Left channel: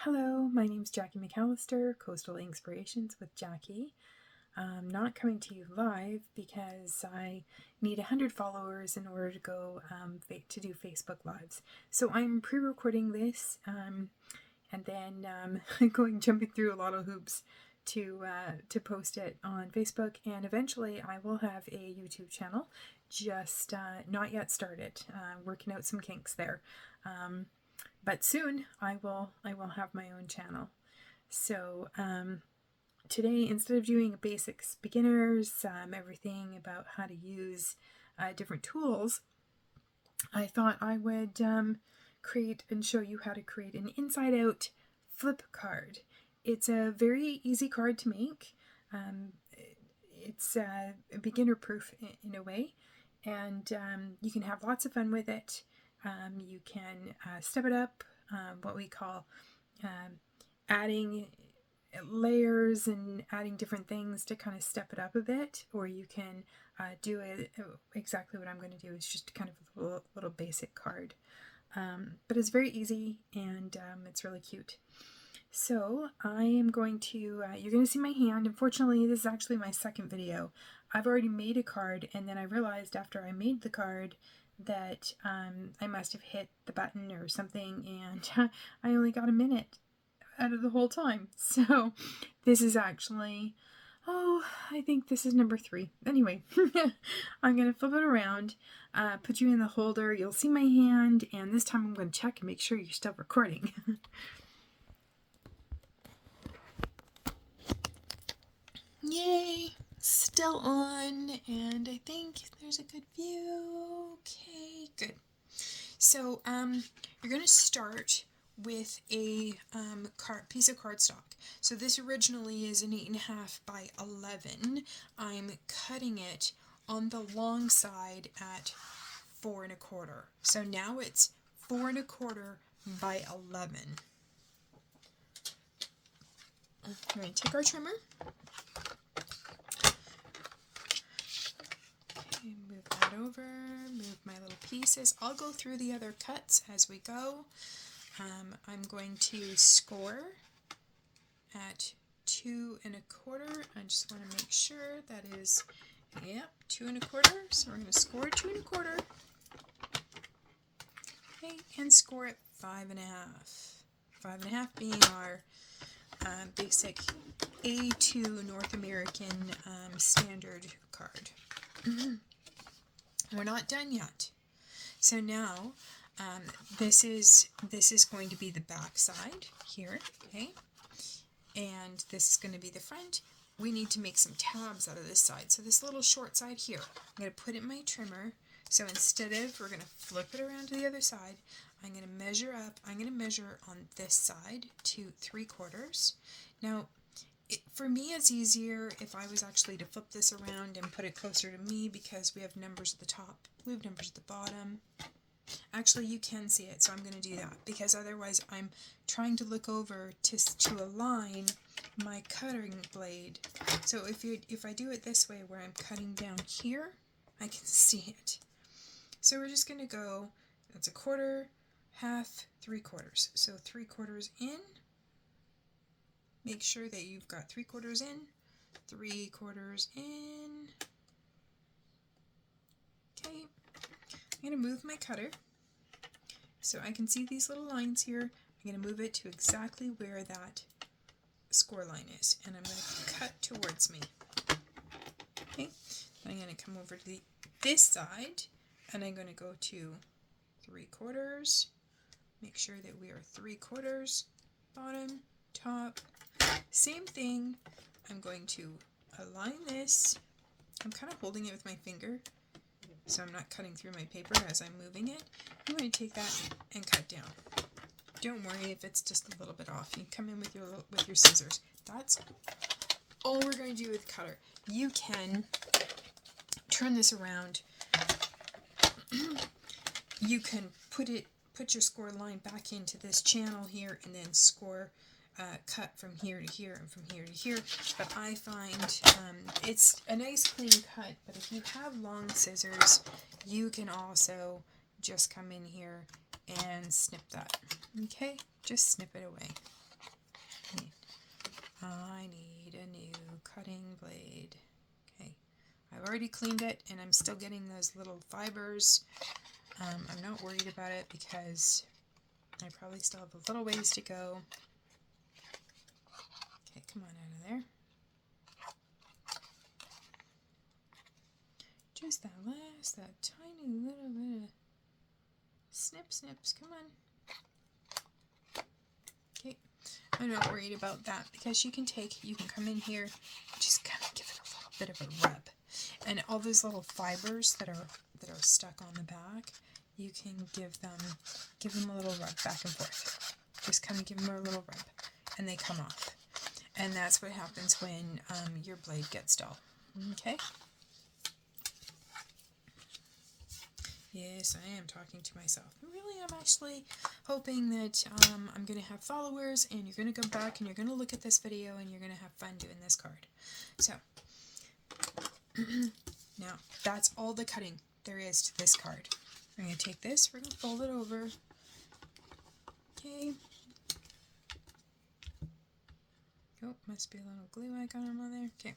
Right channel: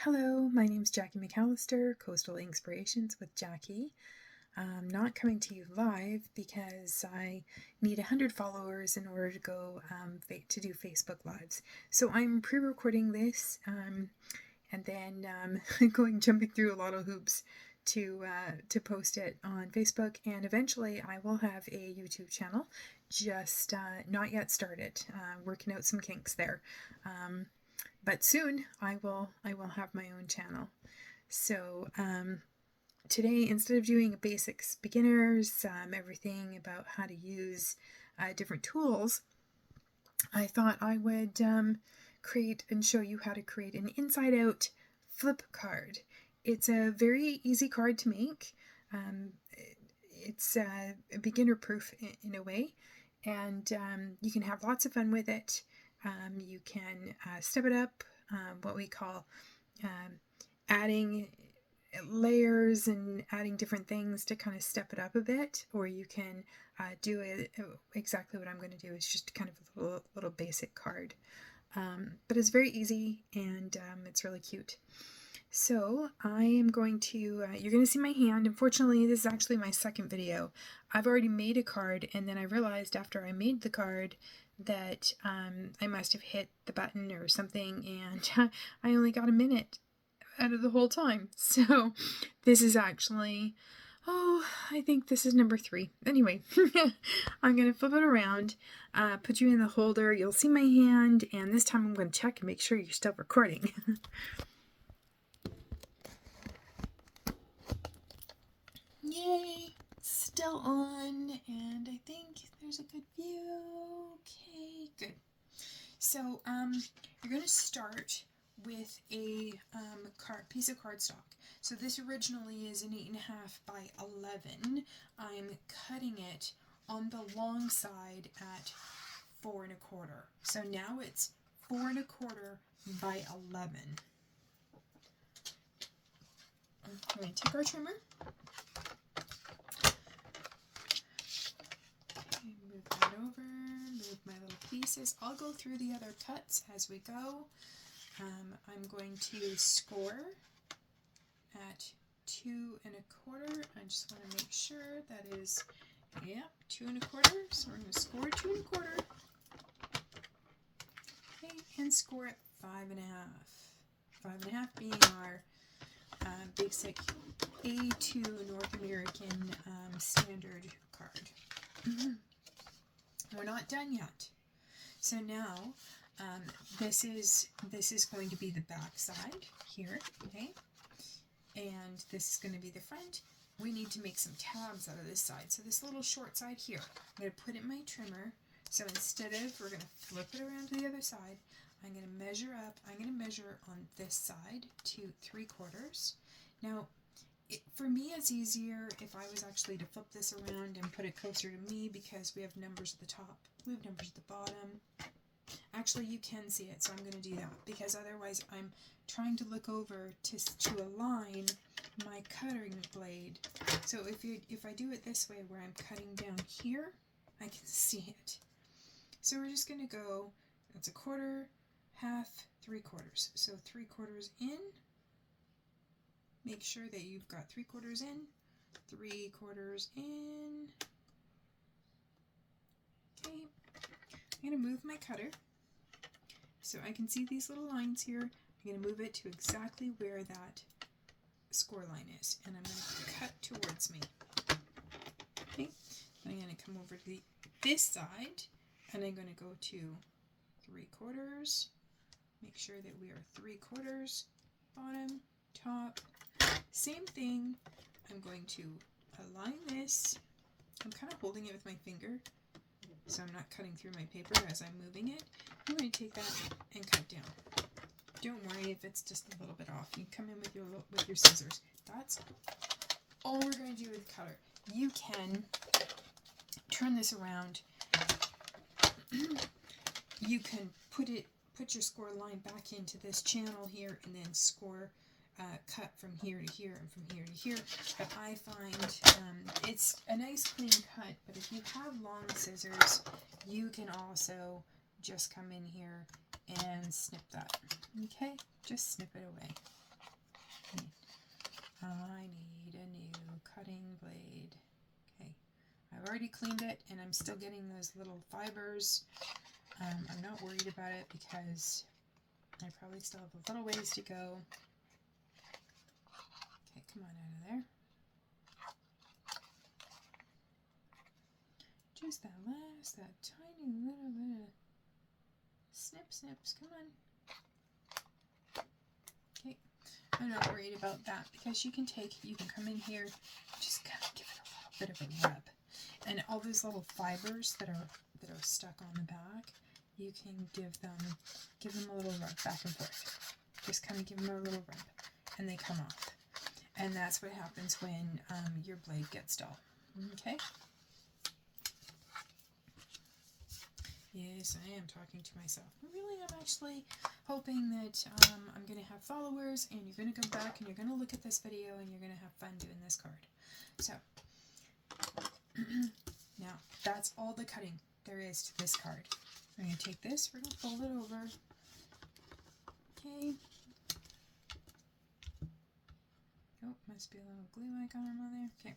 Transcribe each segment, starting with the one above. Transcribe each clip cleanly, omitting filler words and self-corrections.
Hello, my name's Jackie McAllister, Coastal Inspirations with Jackie. I'm not coming to you live because I need 100 followers in order to go to do Facebook Lives. So I'm pre-recording this and then jumping through a lot of hoops to post it on Facebook, and eventually I will have a YouTube channel, just not yet started. Working out some kinks there. But soon I will have my own channel. So today, instead of doing a basics beginners, everything about how to use different tools, I thought I would create and show you how to create an inside out flip card. It's a very easy card to make. It's beginner proof in a way, and you can have lots of fun with it. You can step it up, what we call adding layers and adding different things to kind of step it up a bit, or you can do it exactly what I'm going to do, is just kind of a little basic card. But it's very easy, and it's really cute. So I am going to, you're going to see my hand. Unfortunately, this is actually my second video. I've already made a card, and then I realized after I made the card that I must have hit the button or something, and I only got a minute out of the whole time. So this is actually, I think this is number 3. Anyway, I'm going to flip it around, put you in the holder. You'll see my hand, and this time I'm going to check and make sure you're still recording. Yay! Still on, and I think there's a good view. Okay, good. So you're going to start with a piece of cardstock. So this originally is an 8.5 by 11. I'm cutting it on the long side at 4 1/4. So now it's 4 1/4 by 11. We're going to take our trimmer. Move that over, move my little pieces. I'll go through the other cuts as we go. I'm going to score at 2 1/4. I just want to make sure that is, 2 1/4. So we're going to score 2 1/4. Okay, and score at 5 1/2. 5 1/2 being our basic A2 North American standard card. We're not done yet. So now this is going to be the back side here, okay? And this is going to be the front. We need to make some tabs out of this side. So this little short side here, I'm going to put in my trimmer. So instead of, we're going to flip it around to the other side, I'm going to measure up. I'm going to measure on this side to 3/4. Now, for me, it's easier if I was actually to flip this around and put it closer to me, because we have numbers at the top, we have numbers at the bottom. Actually, you can see it, so I'm going to do that, because otherwise I'm trying to look over to align my cutting blade. So if I do it this way, where I'm cutting down here, I can see it. So we're just going to go, that's 1/4, 1/2, 3/4. So 3/4 in. Make sure that you've got 3/4 in, 3/4 in. Okay, I'm going to move my cutter so I can see these little lines here. I'm going to move it to exactly where that score line is, and I'm going to cut towards me. Okay, then I'm going to come over to this side, and I'm going to go to 3/4. Make sure that we are 3/4, bottom, top. Same thing, I'm going to align this. I'm kind of holding it with my finger, so I'm not cutting through my paper as I'm moving it. I'm going to take that and cut down. Don't worry if it's just a little bit off. You come in with your scissors. That's all we're going to do with the cutter. You can turn this around. You can put your score line back into this channel here, and then score cut from here to here and from here to here. But I find it's a nice clean cut, but if you have long scissors, you can also just come in here and snip that. Okay, just snip it away. I've already cleaned it, and I'm still getting those little fibers. I'm not worried about it because I probably still have a little ways to go. Okay, come on out of there. Just that tiny little bit of snips, come on. Okay, I'm not worried about that because you can come in here, just kind of give it a little bit of a rub. And all those little fibers that are stuck on the back, you can give them a little rub back and forth. Just kind of give them a little rub, and they come off. And that's what happens when your blade gets dull. Okay? Yes, I am talking to myself. Really, I'm actually hoping that I'm going to have followers, and you're going to go back and you're going to look at this video, and you're going to have fun doing this card. So, now, that's all the cutting there is to this card. We're going to take this, we're going to fold it over. Okay. Oh, must be a little glue icon on there. Okay.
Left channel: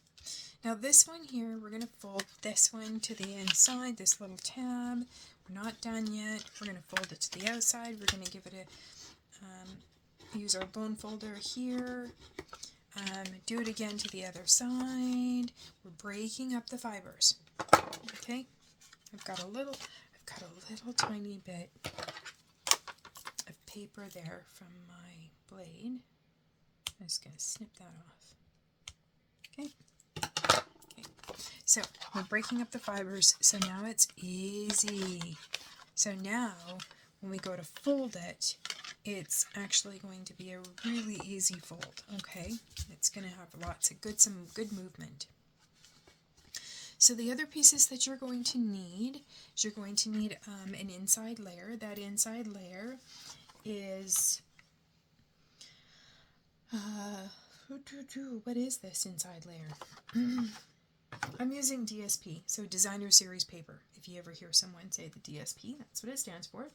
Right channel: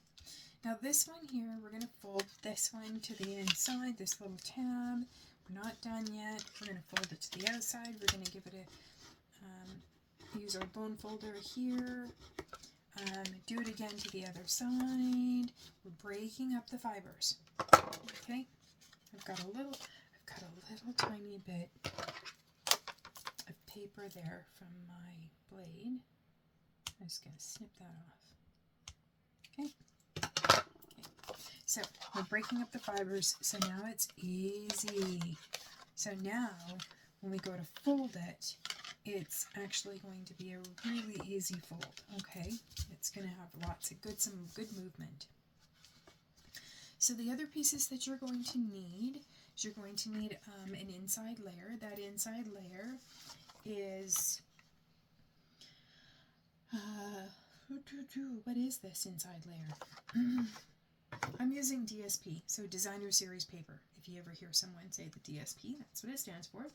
Now this one here, we're going to fold this one to the inside, this little tab. We're not done yet. We're going to fold it to the outside. We're going to give it a, use our bone folder here. Do it again to the other side. We're breaking up the fibers. Okay? I've got a little tiny bit of paper there from my blade. I'm just going to snip that off. Okay? Okay. So, we're breaking up the fibers, so now it's easy. So now, when we go to fold it, it's actually going to be a really easy fold, okay? It's going to have some good movement. So the other pieces that you're going to need is you're going to need an inside layer. That inside layer is, what is this inside layer? I'm using DSP, so Designer Series Paper. If you ever hear someone say the DSP, that's what it stands for,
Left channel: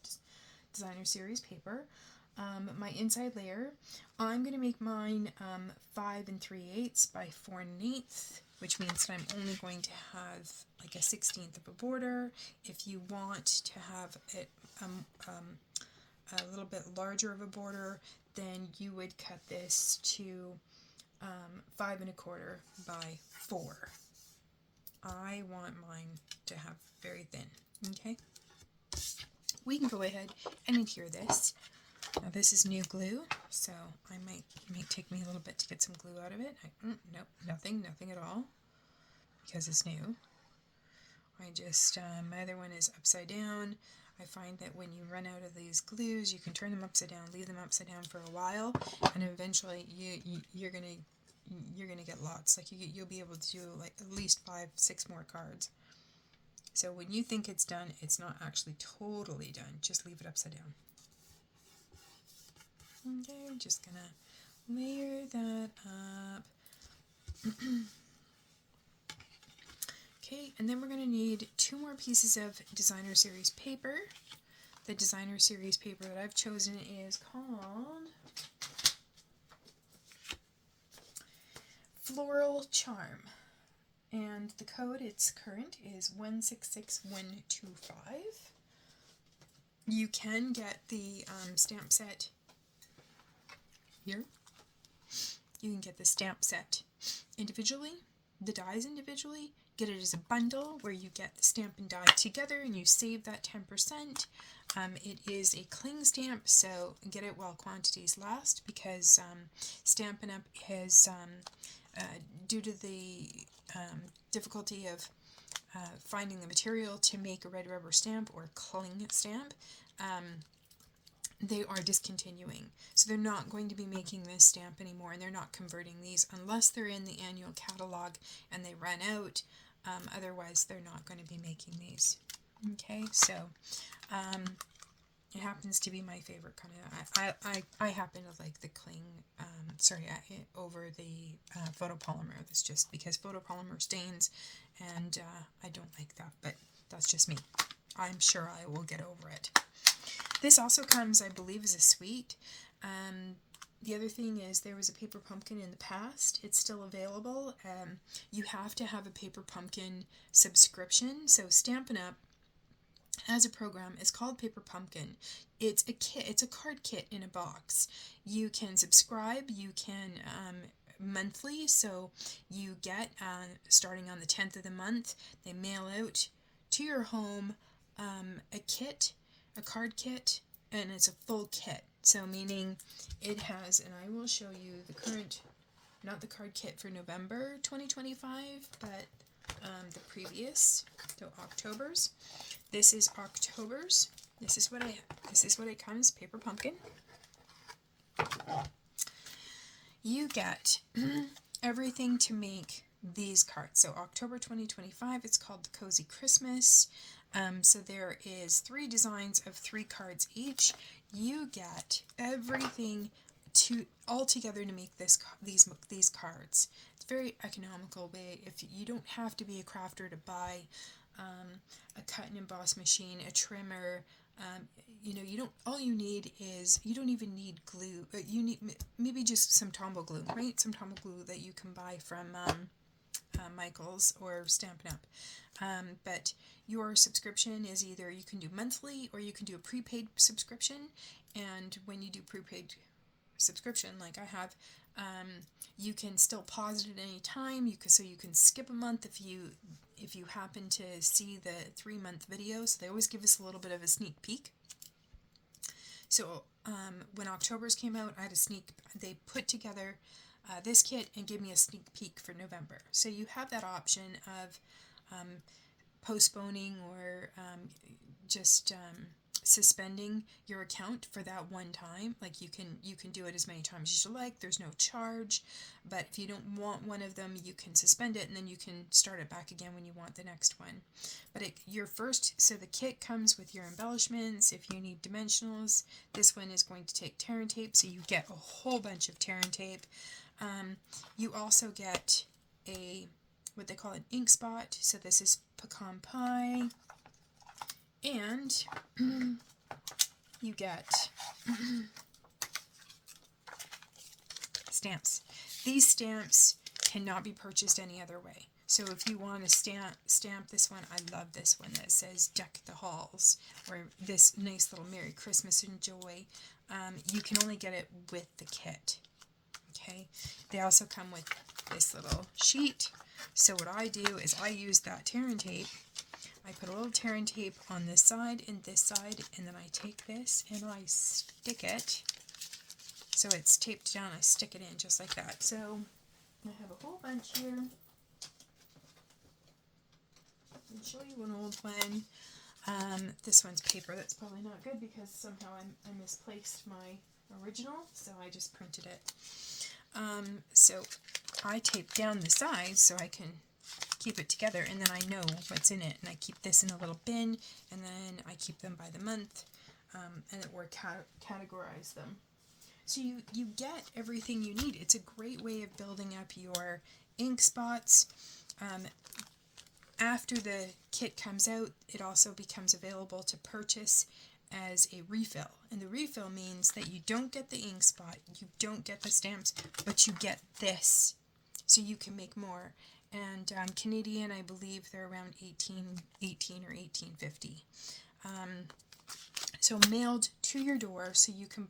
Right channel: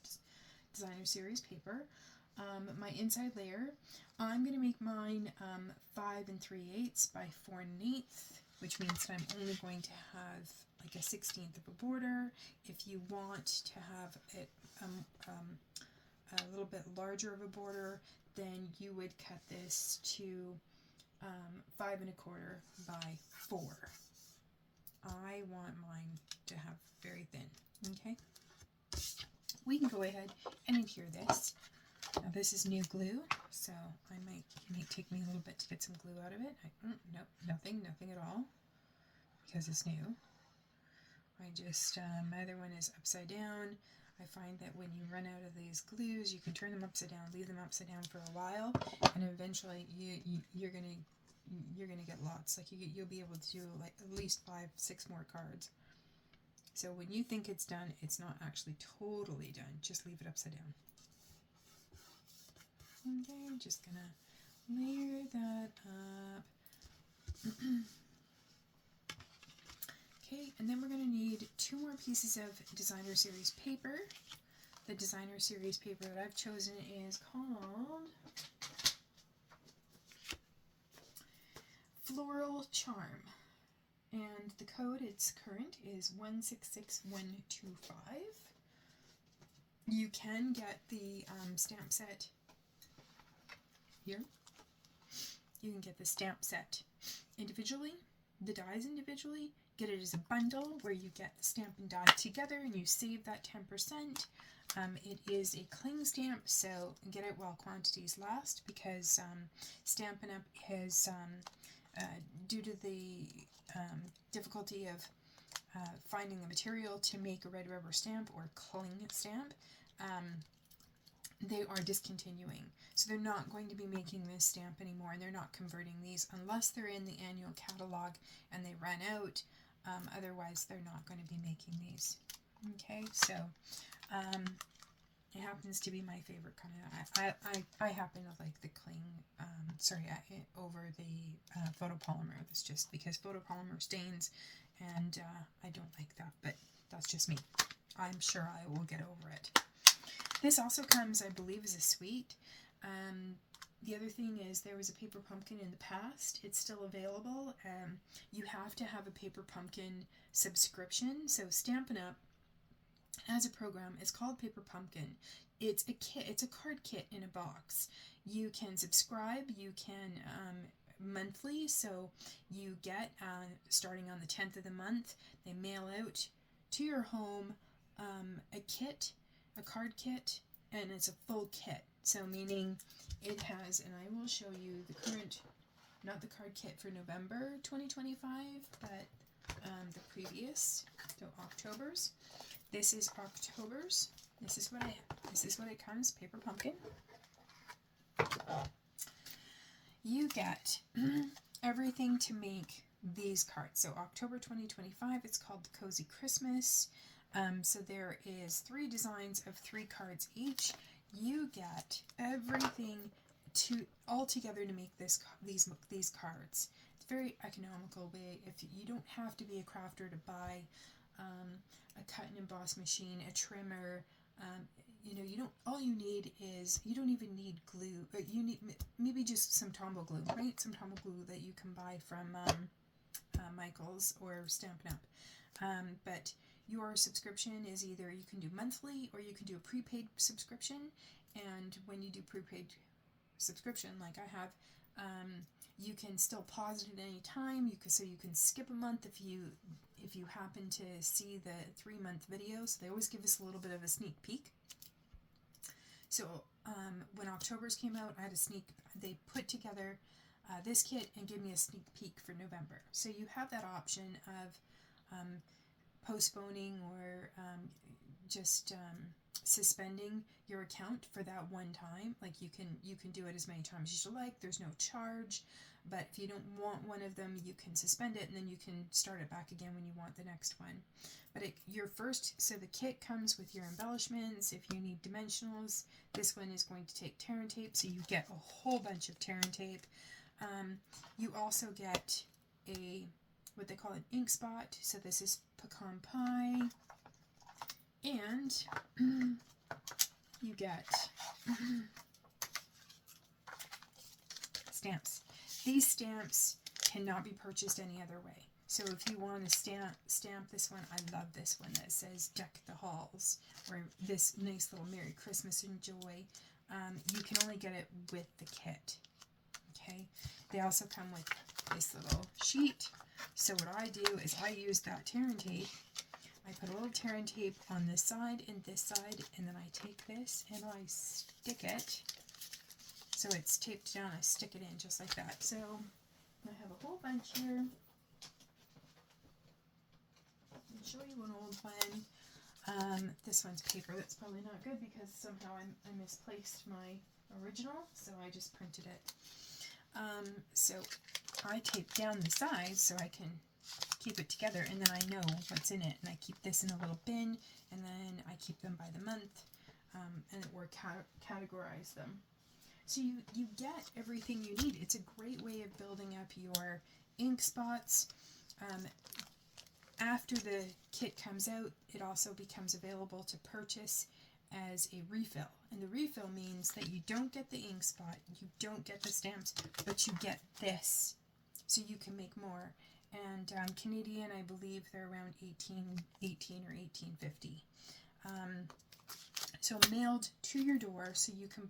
Designer Series Paper. My inside layer, I'm going to make mine 5 3/8 by 4 1/8, which means that I'm only going to have like a 1/16 of a border. If you want to have it a little bit larger of a border, then you would cut this to 5 1/4 by 4. I want mine to have very thin, okay? We can go ahead and adhere this. Now this is new glue, so it might take me a little bit to get some glue out of it. Nope, nothing at all, because it's new. I just, my other one is upside down. I find that when you run out of these glues, you can turn them upside down, leave them upside down for a while, and eventually you're gonna get lots. Like you'll be able to do like at least 5, 6 more cards. So when you think it's done, it's not actually totally done. Just leave it upside down. Okay, I'm just gonna layer that up. Okay, and then we're gonna need 2 more pieces of Designer Series paper. The Designer Series paper that I've chosen is called Floral Charm. And the code it's current is 166125. You can get the stamp set here. You can get the stamp set individually, the dies individually, get it as a bundle where you get the stamp and die together and you save that 10%. It is a cling stamp, so get it while quantities last, because Stampin' Up! Has, due to the difficulty of finding the material to make a red rubber stamp or cling stamp, they are discontinuing. So they're not going to be making this stamp anymore, and they're not converting these unless they're in the annual catalog and they run out. Otherwise, they're not going to be making these. Okay, so it happens to be my favorite kind of. I happen to like the cling. Over the photopolymer. That's just because photopolymer stains, and I don't like that. But that's just me. I'm sure I will get over it. This also comes, I believe, as a suite. The other thing is there was a paper pumpkin in the past. It's still available. You have to have a paper pumpkin subscription. So Stampin' Up! Has a program. It's called Paper Pumpkin. It's a kit. It's a card kit in a box. You can subscribe. You can monthly. So you get starting on the 10th of the month. They mail out to your home a kit, a card kit, and it's a full kit. So meaning it has, and I will show you the current, not the card kit for November 2025, but the previous, so October's. This is October's. This is what it comes, Paper Pumpkin. You get everything to make these cards. So October 2025, it's called the Cozy Christmas. So there is 3 designs of 3 cards each. You get everything all together to make these cards. It's a very economical way. If you don't have to be a crafter to buy a cut and emboss machine, a trimmer, you don't. All you need is, you don't even need glue. You need maybe just some Tombow glue, right? Some Tombow glue that you can buy from Michael's or Stampin' Up. But your subscription is either you can do monthly or you can do a prepaid subscription. And when you do prepaid subscription, like I have, you can still pause it at any time. So you can skip a month if you happen to see the 3-month video. So they always give us a little bit of a sneak peek. So when October's came out, they put together this kit and gave me a sneak peek for November. So you have that option of postponing or just suspending your account for that one time. Like you can do it as many times as you like. There's no charge, but if you don't want one of them, you can suspend it and then you can start it back again when you want the next one. But so the kit comes with your embellishments. If you need dimensionals, this one is going to take tear and tape, so you get a whole bunch of tear and tape. You also get what they call an ink spot. So this is pecan pie. And you get stamps. These stamps cannot be purchased any other way. So if you want to stamp this one, I love this one that says Deck the Halls, or this nice little Merry Christmas and Joy. You can only get it with the kit. Okay. They also come with this little sheet. So what I do is I use that tear and tape. I put a little tear and tape on this side and this side, and then I take this and I stick it. So it's taped down, I stick it in just like that. So I have a whole bunch here. I'll show you an old one. This one's paper. That's probably not good because somehow I misplaced my original, so I just printed it. So I tape down the sides so I can keep it together, and then I know what's in it, and I keep this in a little bin, and then I keep them by the month, or categorize them. So you get everything you need. It's a great way of building up your ink spots. After the kit comes out, it also becomes available to purchase as a refill. And the refill means that you don't get the ink spot, you don't get the stamps, but you get this. So you can make more. And Canadian, I believe they're around $18 or $18.50. So mailed to your door, so you can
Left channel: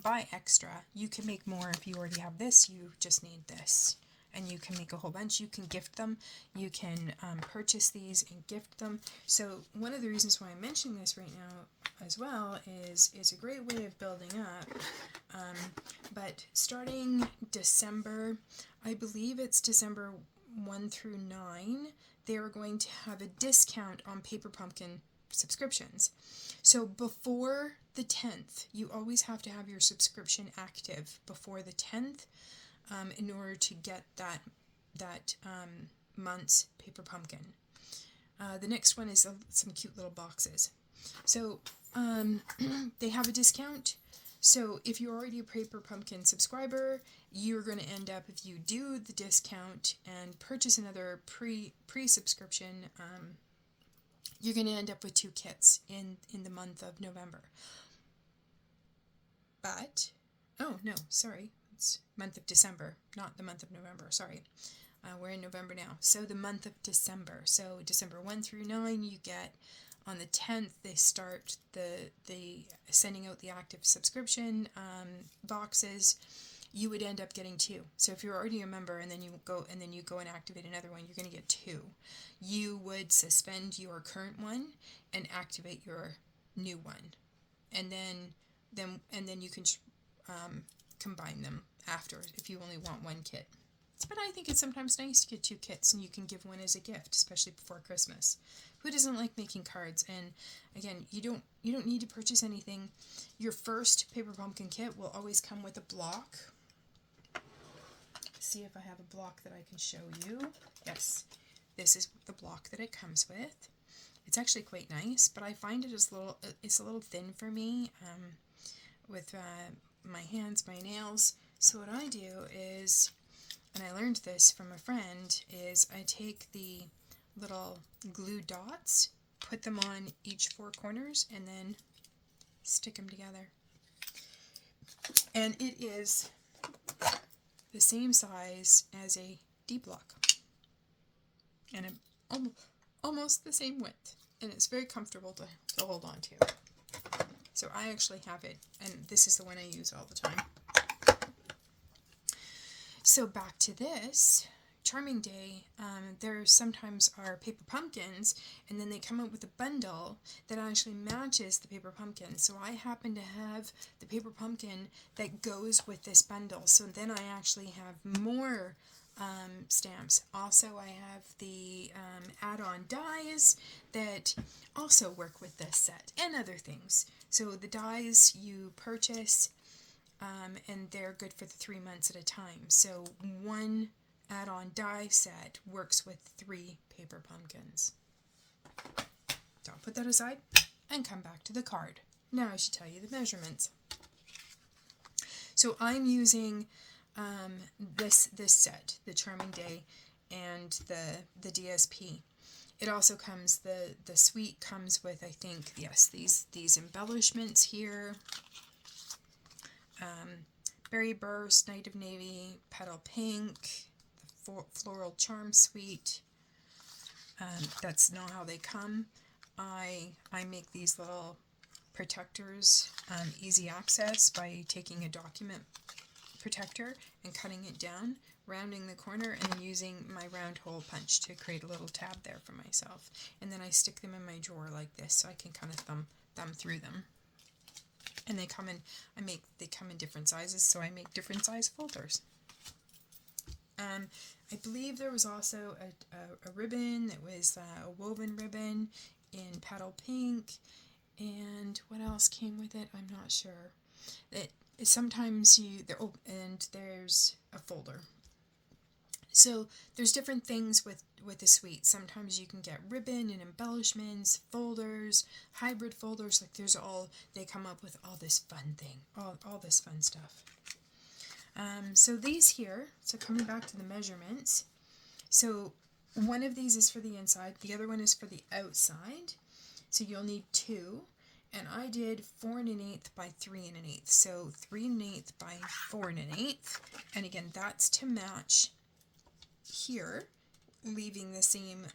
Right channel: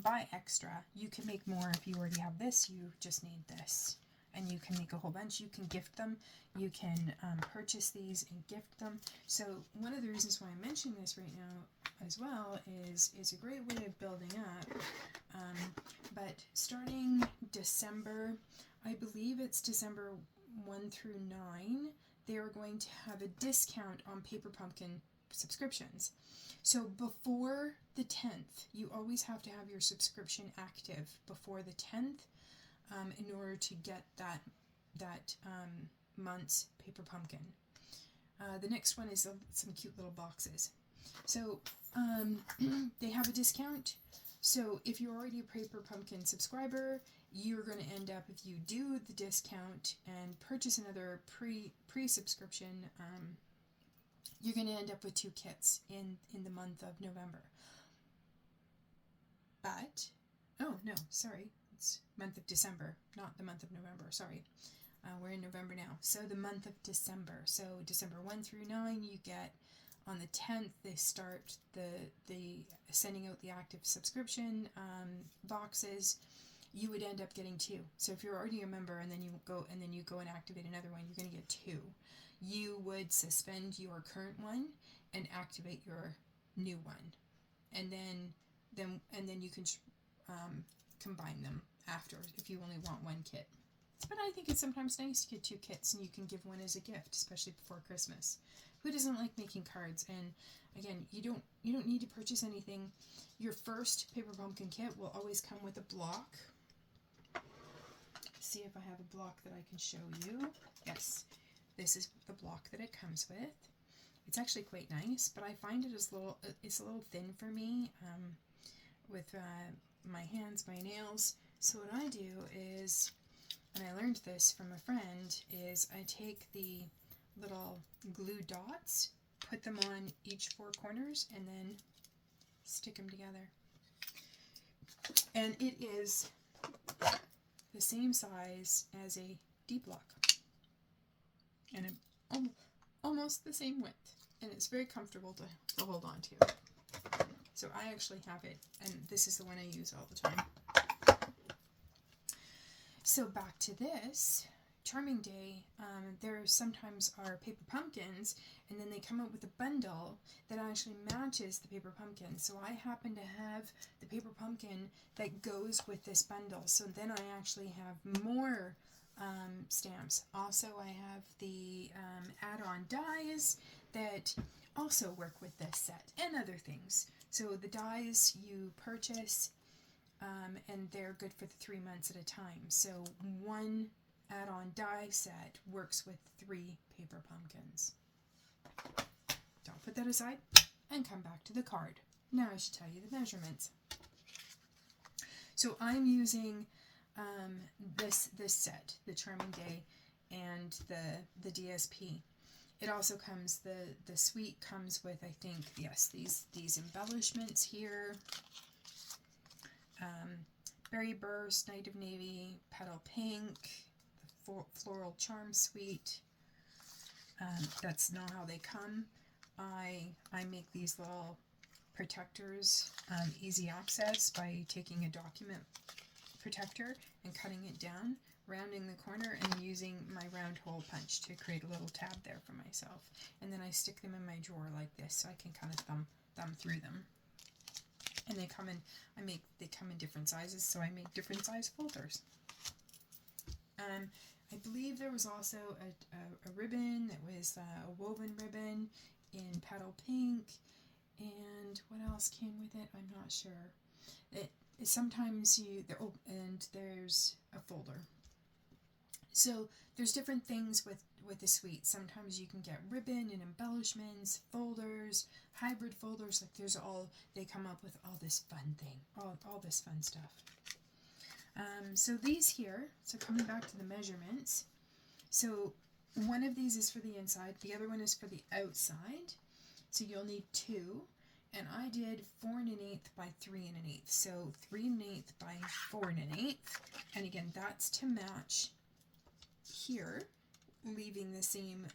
buy extra. You can make more if you already have this. You just need this, and you can make a whole bunch. You can gift them. You can purchase these and gift them. So one of the reasons why I'm mentioning this right now as well is it's a great way of building up. But starting December, I believe it's December 1 through 9, they are going to have a discount on Paper Pumpkin subscriptions. So before the 10th, you always have to have your subscription active before the 10th in order to get that month's Paper Pumpkin. The next one is some cute little boxes. So they have a discount. So if you're already a Paper Pumpkin subscriber, you're going to end up, if you do the discount and purchase another pre-subscription, you're going to end up with 2 kits in the month of November. But oh no, sorry, it's month of December, not the month of November, sorry. We're in November now, so the month of December. So December 1 through 9, you get, on the 10th, they start the sending out the active subscription boxes. You would end up getting 2. So if you're already a member and then you go and activate another one, you're going to get 2. You would suspend your current one and activate your new one, and then you can combine them after if you only want one kit. But I think it's sometimes nice to get 2 kits, and you can give one as a gift, especially before Christmas. Who doesn't like making cards? And again, you don't need to purchase anything. Your first paper pumpkin kit will always come with a block. See if I have a block that I can show you. Yes, this is the block that it comes with. It's actually quite nice, but I find it's a little thin for me with my hands, my nails. So what I do is, and I learned this from a friend, is I take the little glue dots, put them on each 4 corners, and then stick them together. And it is the same size as a D block, and almost the same width, and it's very comfortable to hold on to. So I actually have it, and this is the one I use all the time. So back to this, Charming Day, there sometimes are paper pumpkins, and then they come out with a bundle that actually matches the paper pumpkin. So I happen to have the paper pumpkin that goes with this bundle. So then I actually have more stamps. Also, I have the add-on dies that also work with this set, and other things. So the dies you purchase, and they're good for the 3 months at a time. So one add-on die set works with 3 paper pumpkins. So I'll put that aside and come back to the card. Now I should tell you the measurements. So I'm using this set, the Charming Day, and the DSP. It also comes, the suite comes with, I think, yes, these embellishments here. Berry Burst, Night of Navy, Petal Pink, the Floral Charm Suite. That's not how they come. I make these little protectors easy access by taking a document protector and cutting it down, rounding the corner, and then using my round hole punch to create a little tab there for myself. And then I stick them in my drawer like this, so I can kind of thumb through them. And they come in different sizes, so I make different size folders. I believe there was also a ribbon that was a woven ribbon in Petal Pink, and what else came with it? I'm not sure. Sometimes and there's a folder. So there's different things with the suite. Sometimes you can get ribbon and embellishments, folders, hybrid folders. Like they come up with all this fun thing, all this fun stuff. So these here, so coming back to the measurements, so one of these is for the inside, the other one is for the outside. So you'll need 2, and I did 4 1/8 by 3 1/8. So 3 1/8 by 4 1/8, and again, that's to match here, leaving the same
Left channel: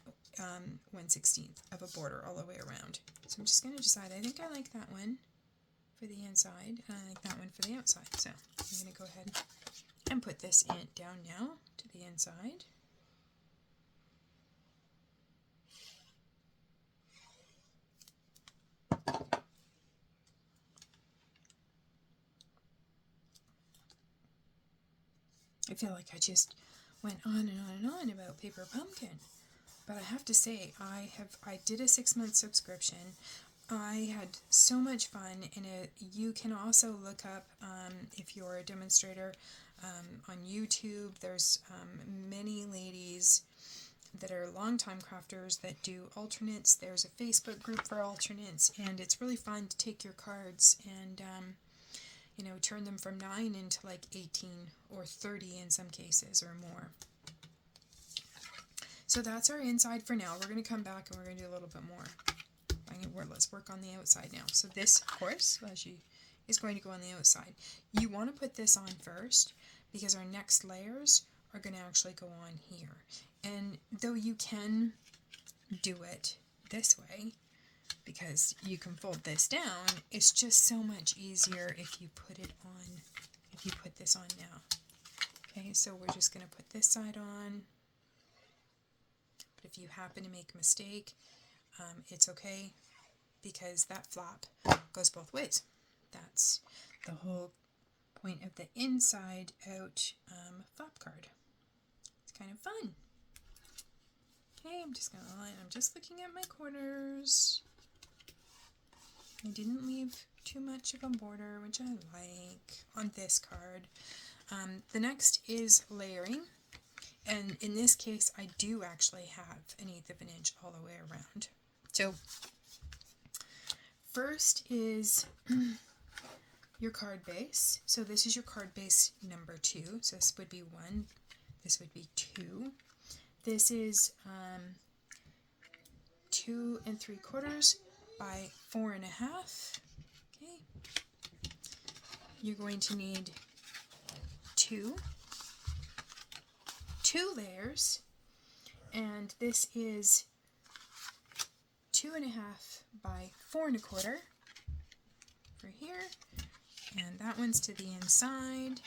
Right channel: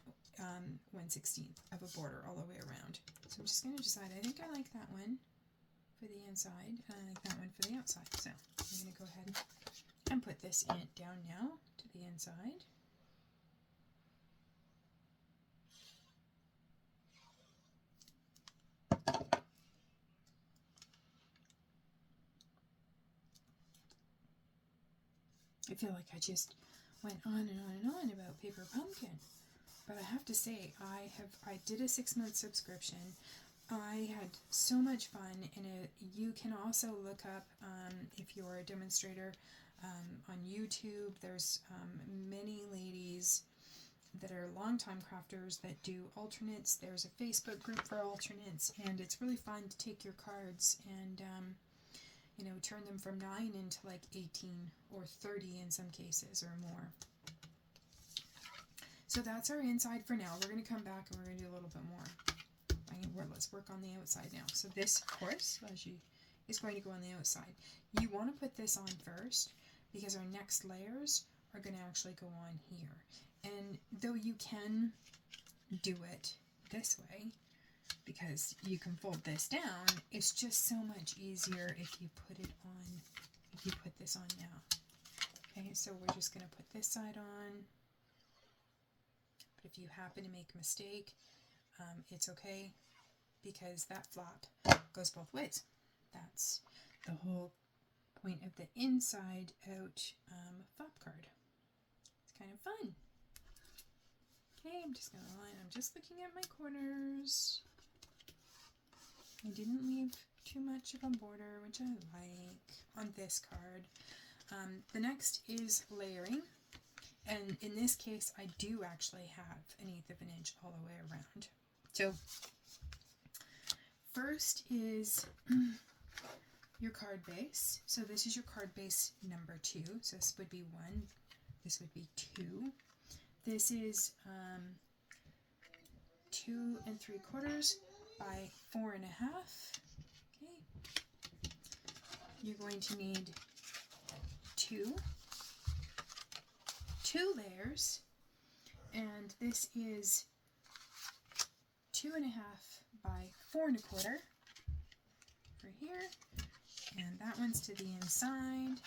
1/16 of a border all the way around. So I'm just going to decide, I think I like that one for the inside, and I like that one for the outside. So I'm going to go ahead and put this down now to the inside. I feel like I just went on and on and on about paper pumpkin, but I have to say I did a 6-month subscription. I had so much fun in it. You can also look up if you're a demonstrator on YouTube. There's many ladies that are longtime crafters that do alternates. There's a Facebook group for alternates, and it's really fun to take your cards and turn them from 9 into like 18 or 30 in some cases or more. So that's our inside for now. We're going to come back and we're going to do a little bit more. Let's work on the outside now. So this, of course, as you is going to go on the outside. You want to put this on first because our next layers are going to actually go on here. And though you can do it this way, because you can fold this down, it's just so much easier if you put it on, if you put this on now. Okay, so we're just going to put this side on. But if you happen to make a mistake, it's okay, because that flap goes both ways. That's the whole point of the inside out flap card. It's kind of fun. Okay, I'm just going to line, I'm just looking at my corners. I didn't leave too much of a border, which I like, on this card. The next is layering, and in this case I do actually have 1/8 of an inch all the way around. So first is your card base. So this is your card base number 2. So this would be 1, this would be 2. This is 2 3/4 by 4 1/2. Okay. You're going to need two layers, and this is 2 1/2 by 4 1/4 for here, and that one's to the inside.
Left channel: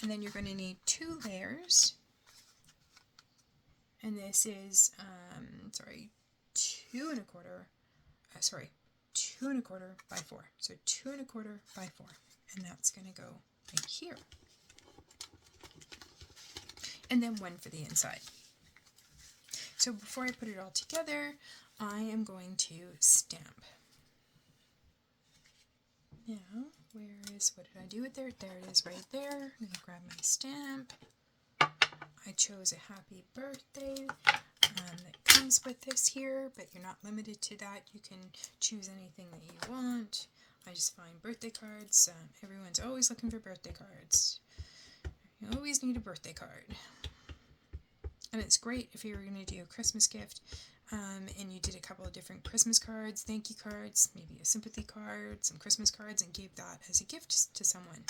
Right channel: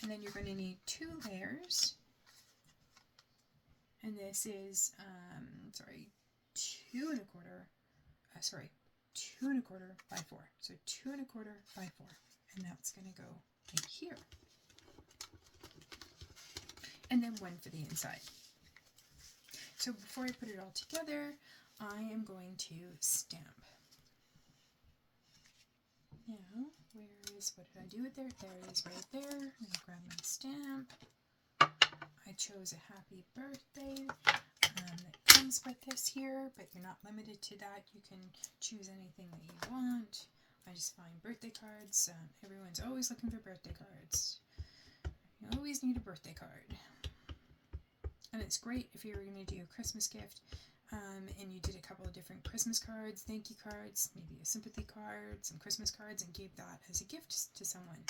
And then you're going to need 2 layers, and this is 2 1/4 by 4. So 2 1/4 by 4, and that's going to go right here. And then 1 for the inside. So before I put it all together, I am going to stamp. Now, what did I do with there? There it is right there. I'm going to grab my stamp. I chose a happy birthday that comes with this here, but you're not limited to that. You can choose anything that you want. I just find birthday cards. Everyone's always looking for birthday cards. You always need a birthday card. And it's great if you were going to do a Christmas gift and you did a couple of different Christmas cards, thank you cards, maybe a sympathy card, some Christmas cards, and gave that as a gift to someone.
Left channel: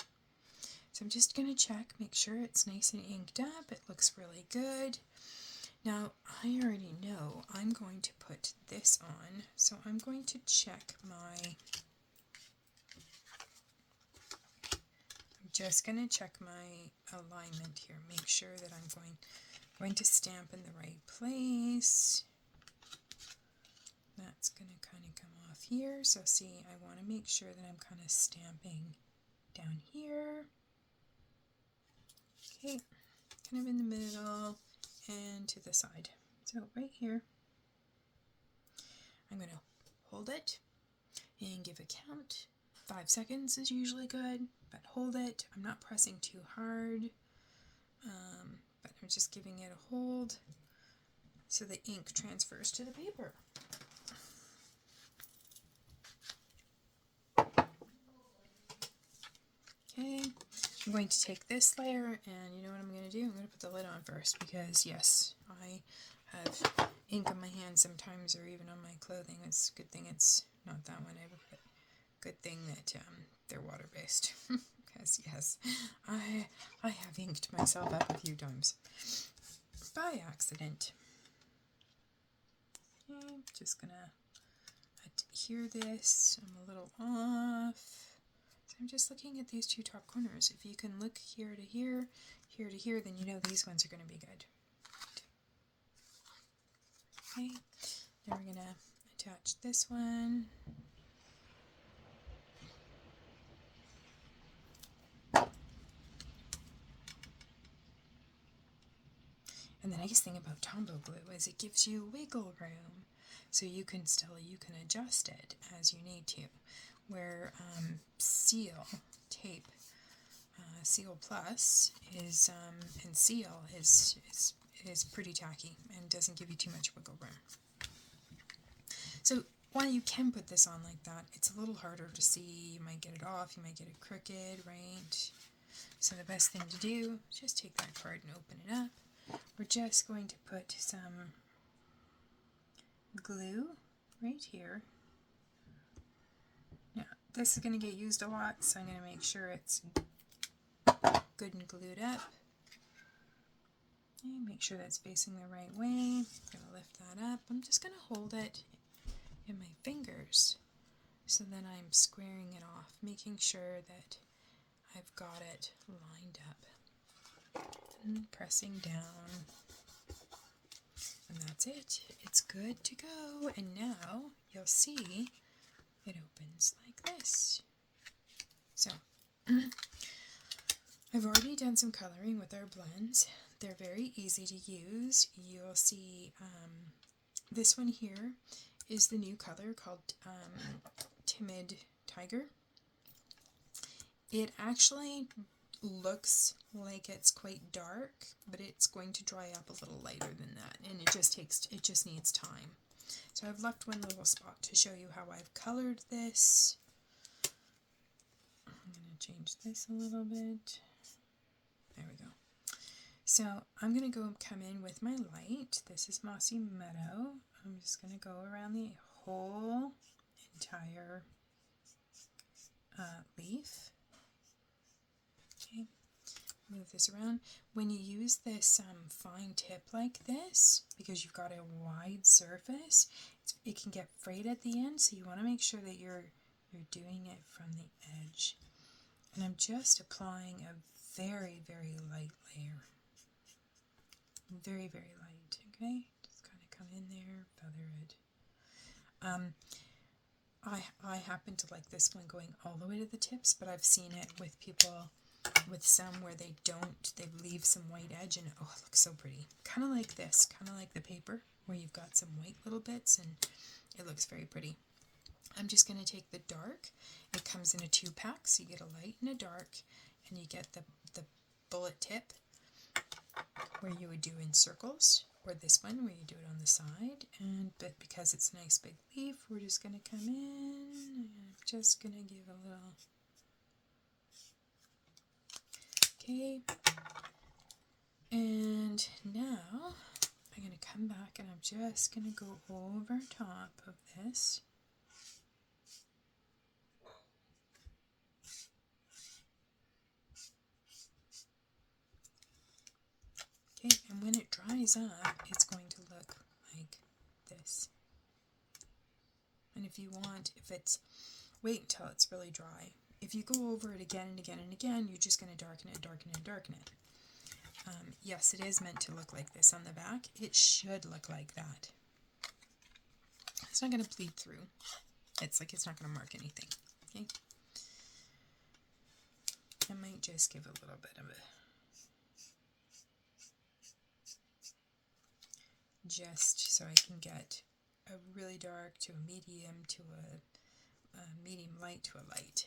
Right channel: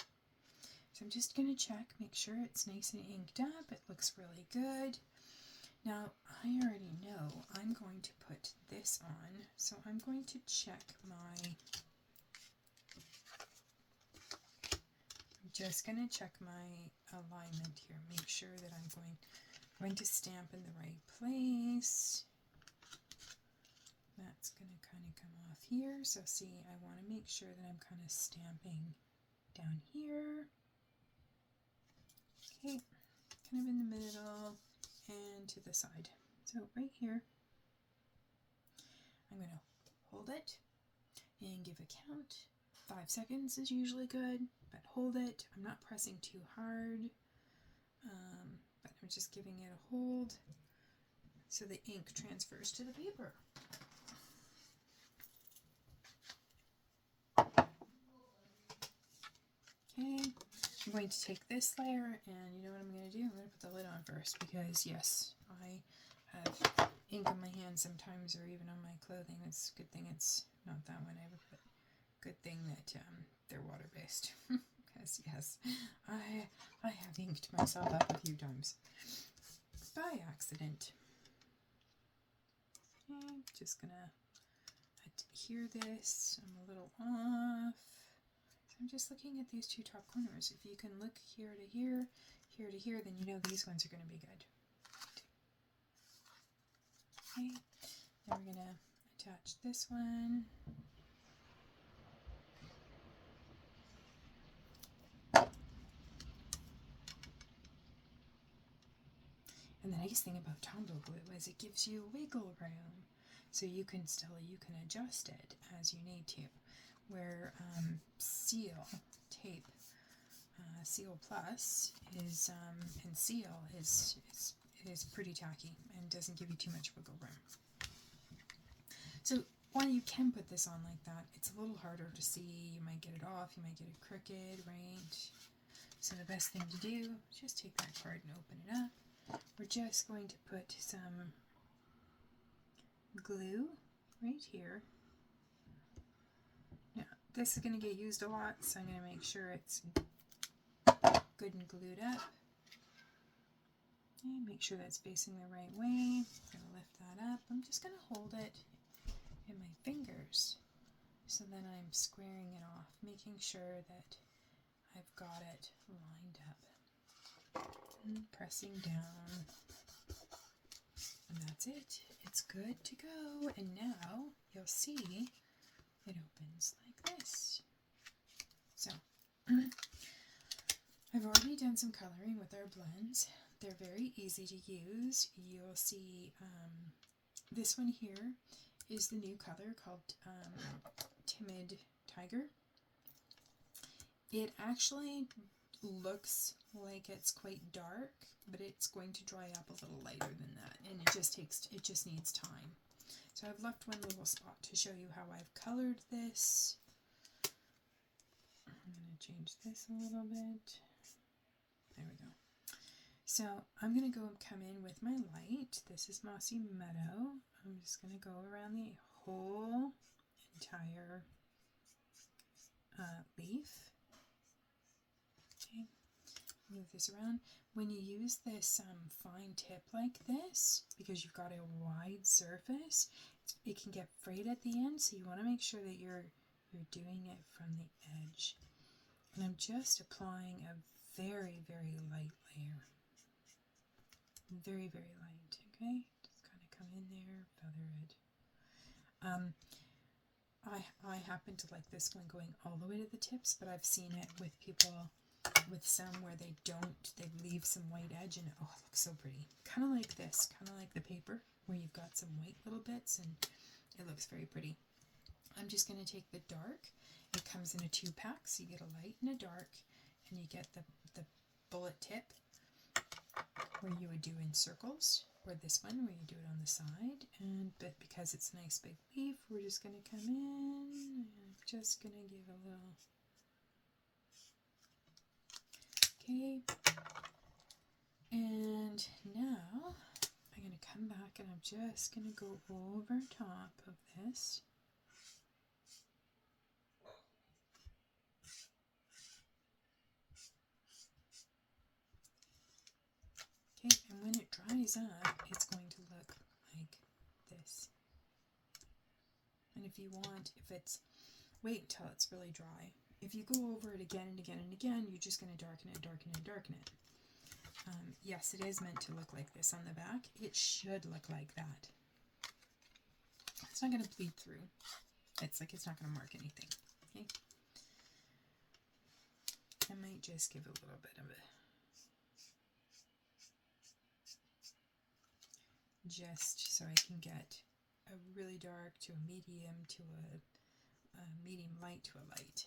So I'm just going to check, make sure it's nice and inked up. It looks really good. Now, I already know I'm going to put this on, so I'm going to check I'm just going to check my alignment here, make sure that I'm going to stamp in the right place. That's going to kind of come off here. So see, I want to make sure that I'm kind of stamping down here. Okay, kind of in the middle and to the side. So right here, I'm going to hold it and give a count. 5 seconds is usually good, but hold it. I'm not pressing too hard, but I'm just giving it a hold so the ink transfers to the paper. Okay, I'm going to take this layer, and you know what I'm going to do? I'm going to put the lid on first, because yes, I have ink on my hands sometimes, or even on my clothing. It's a good thing it's not that one. Good thing that they're water-based, because yes, I have inked myself up a few times by accident. Okay, I'm just gonna adhere this. I'm a little off. So I'm just looking at these 2 top corners. If you can look here to here, here to here, then you know these ones are going to be good. Okay, now we're going to attach this one. And the nice thing about Tombow glue is it gives you wiggle room, so you can adjust it as you need to. Where Seal tape, Seal Plus is and Seal is pretty tacky and doesn't give you too much wiggle room. So while you can put this on like that, it's a little harder to see. You might get it off, you might get it crooked, right? So the best thing to do is just take that card and open it up. We're just going to put some glue right here. Yeah, this is going to get used a lot, so I'm going to make sure it's good and glued up. Okay, make sure that's facing the right way. I'm going to lift that up. I'm just going to hold it in my fingers so then I'm squaring it off, making sure that I've got it lined up. And pressing down. And that's it. It's good to go. And now you'll see it opens like this. So I've already done some coloring with our blends. They're very easy to use. You'll see this one here is the new color called Timid Tiger. It actually looks like it's quite dark, but it's going to dry up a little lighter than that, and it just needs time. So I've left one little spot to show you how I've colored this. I'm going to change this a little bit. There we go. So I'm going to come in with my light. This is Mossy Meadow. I'm just going to go around the whole entire leaf. Okay, move this around. When you use this fine tip like this, because you've got a wide surface, it can get frayed at the end, so you want to make sure that you're doing it from the edge. And I'm just applying a very, very light layer. Very, very light, okay? Just kind of come in there, feather it. I happen to like this one going all the way to the tips, but I've seen it with people with some where they leave some white edge, and oh, it looks so pretty. Kind of like this, kind of like the paper, where you've got some white little bits, and it looks very pretty. I'm just going to take the dark. It comes in a 2-pack, so you get a light and a dark, and you get the bullet tip, where you would do in circles, or this one where you do it on the side. But because it's a nice big leaf, we're just going to come in, and I'm just going to give a little, okay, and now I'm going to come back and I'm just going to go over top of this. Okay, and when it dries up, it's going to look like this. And if you want, wait until it's really dry. If you go over it again and again and again, you're just going to darken it, darken it, darken it. Yes, it is meant to look like this on the back. It should look like that. It's not going to bleed through. It's not going to mark anything. Okay. I might just give a little bit of it. Just so I can get a really dark to a medium to a medium light to a light.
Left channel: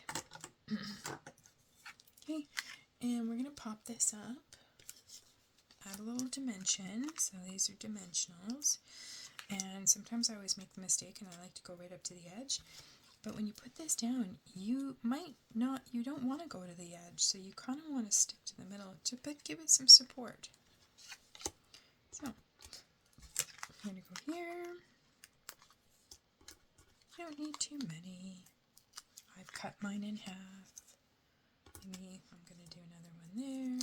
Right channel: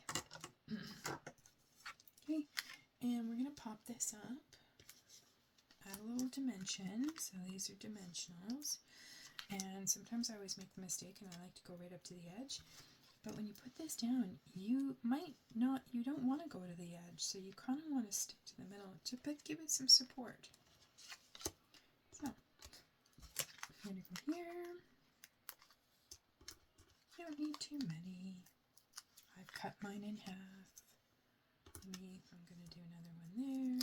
Okay, and we're going to pop this up, add a little dimension, so these are dimensionals, and sometimes I always make the mistake and I like to go right up to the edge, but when you put this down, you don't want to go to the edge, so you kind of want to stick to the middle, but give it some support. So, I'm going to go here. You don't need too many. I've cut mine in half. Maybe I'm going to do another one there.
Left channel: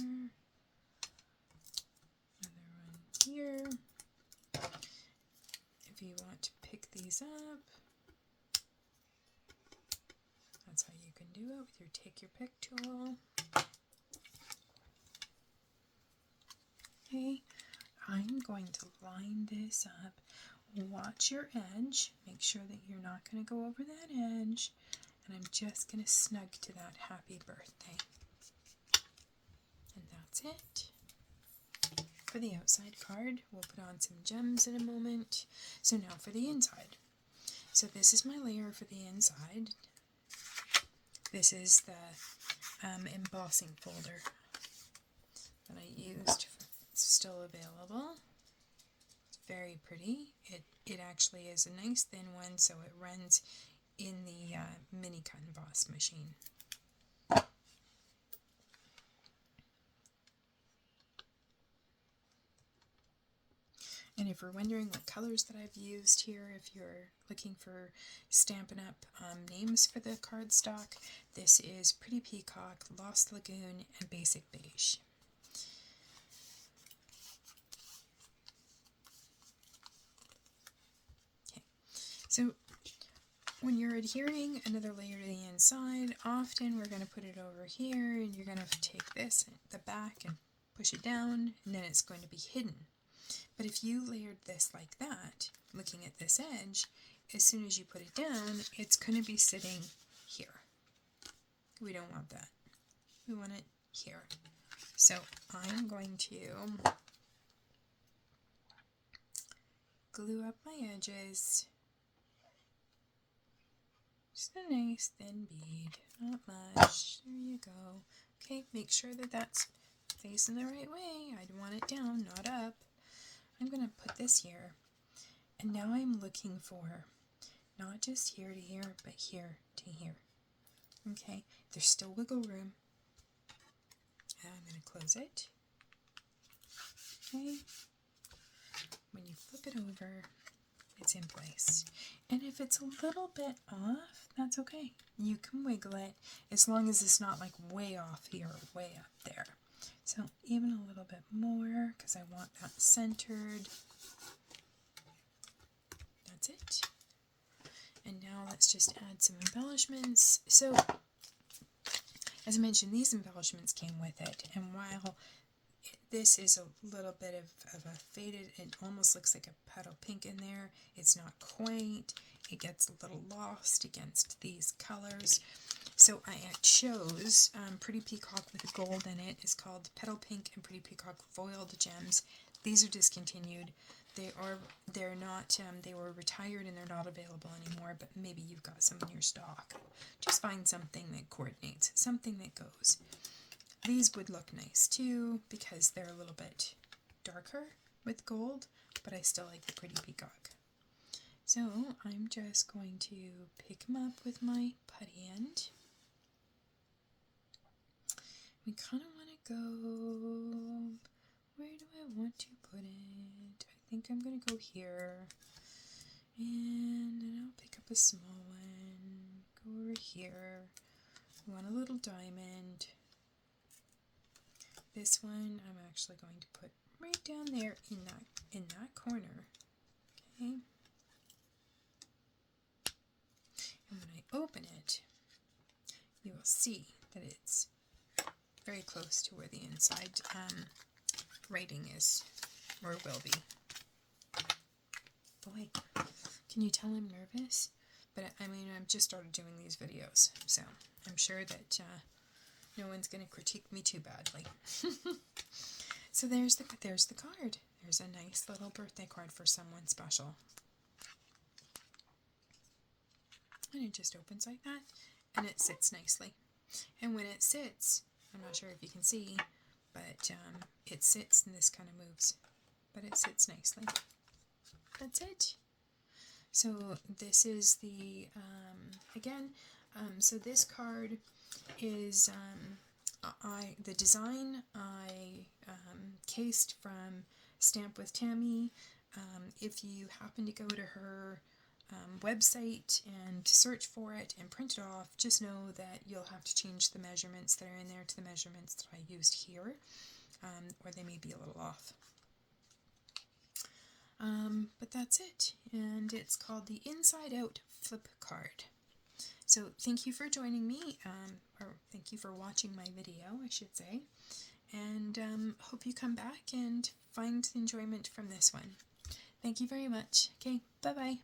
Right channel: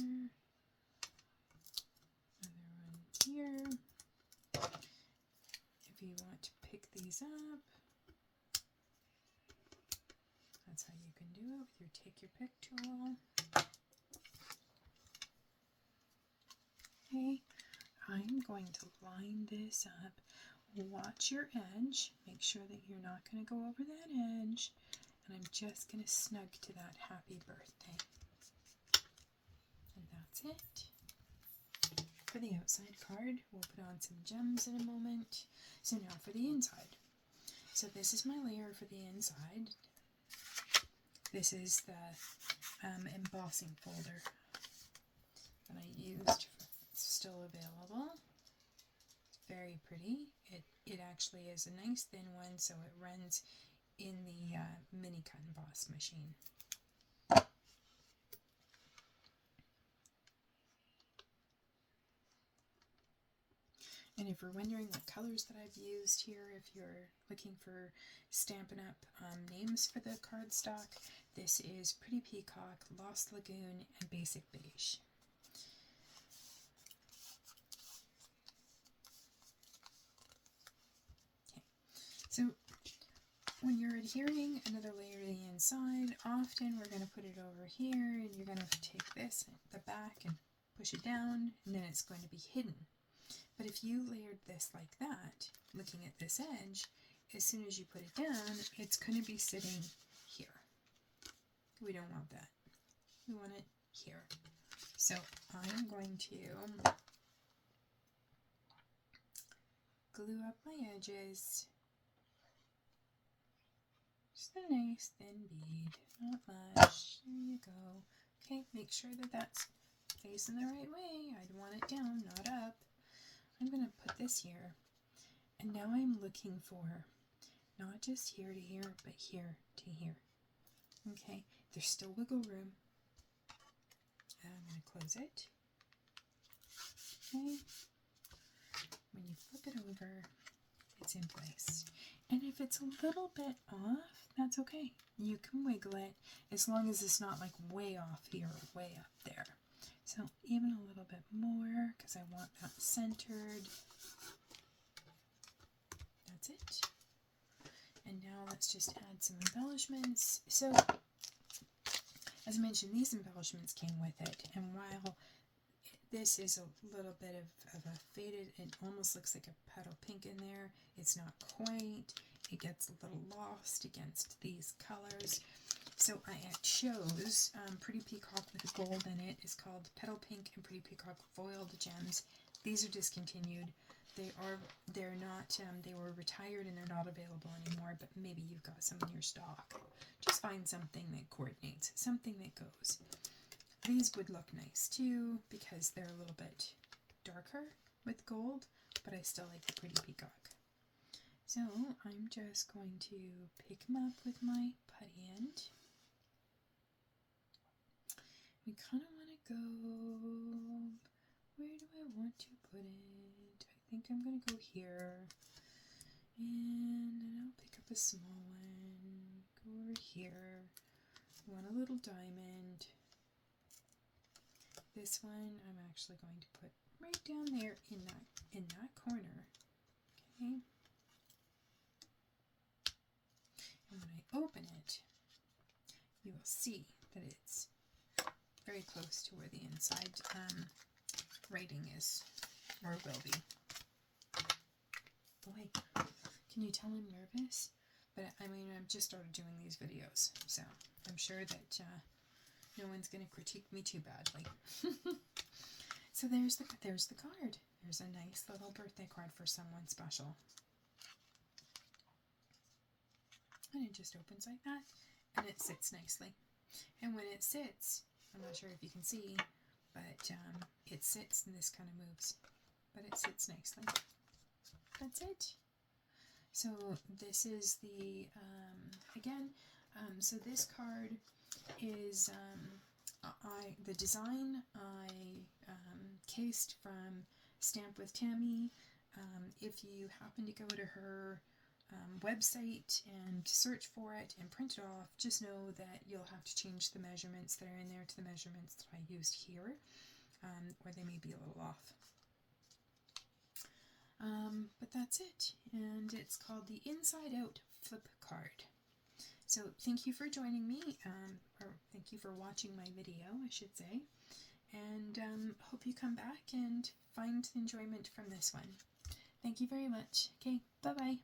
Another one here. If you want to pick these up, that's how you can do it with your take your pick tool. Okay, I'm going to line this up. Watch your edge. Make sure that you're not going to go over that edge. And I'm just going to snug to that happy birthday. And that's it. For the outside card, we'll put on some gems in a moment. So now for the inside. So this is my layer for the inside. This is the embossing folder that I used. It's still available. It's very pretty. It actually is a nice thin one, so it runs in the mini cut and emboss machine. And if you're wondering what colors that I've used here, if you're looking for Stampin' Up! Names for the cardstock, this is Pretty Peacock, Lost Lagoon, and Basic Beige. Okay, so when you're adhering another layer to the inside, often we're going to put it over here, and you're going to take this, the back, and push it down, and then it's going to be hidden. But if you layered this like that, looking at this edge, as soon as you put it down, it's going to be sitting here. We don't want that. We want it here. So I'm going to glue up my edges. Just a nice thin bead, not much. There you go. Okay, make sure that that's facing the right way. I want it down, not up. I'm going to put this here, and now I'm looking for not just here to here, but here to here. Okay, there's still wiggle room. And I'm going to close it. Okay, when you flip it over, it's in place. And if it's a little bit off, that's okay. You can wiggle it as long as it's not like way off here or way up there. So even a little bit more, because I want that centered. That's it. And now let's just add some embellishments. So, as I mentioned, these embellishments came with it. And while this is a little bit of a faded, it almost looks like a petal pink in there. It's not quaint. It gets a little lost against these colors. So I chose Pretty Peacock with gold in it. It's called Petal Pink and Pretty Peacock Foiled Gems. These are discontinued. They're not. They were retired and they're not available anymore. But maybe you've got some in your stock. Just find something that coordinates, something that goes. These would look nice too because they're a little bit darker with gold, but I still like the Pretty Peacock. So I'm just going to pick them up with my putty end. We kind of want to go, where do I want to put it? I think I'm going to go here. And then I'll pick up a small one, go over here. I want a little diamond. This one I'm actually going to put right down there in that corner. Okay. And when I open it, you will see that it's very close to where the inside writing is, or will be. Boy, can you tell I'm nervous? But I mean, I've just started doing these videos, so I'm sure that no one's going to critique me too badly. So there's the card. There's a nice little birthday card for someone special. And it just opens like that, and it sits nicely. And when it sits, I'm not sure if you can see, but it sits and this kind of moves, but it sits nicely. That's it. So this is the, so this card is, the design I cased from Stamp with Tammy. If you happen to go to her website and search for it and print it off, just know that you'll have to change the measurements that are in there to the measurements that I used here, or they may be a little off. But that's it, and it's called the Inside Out Flip Card. So thank you for joining me, or thank you for watching my video, I should say, and hope you come back and find enjoyment from this one. Thank you very much. Okay, bye-bye.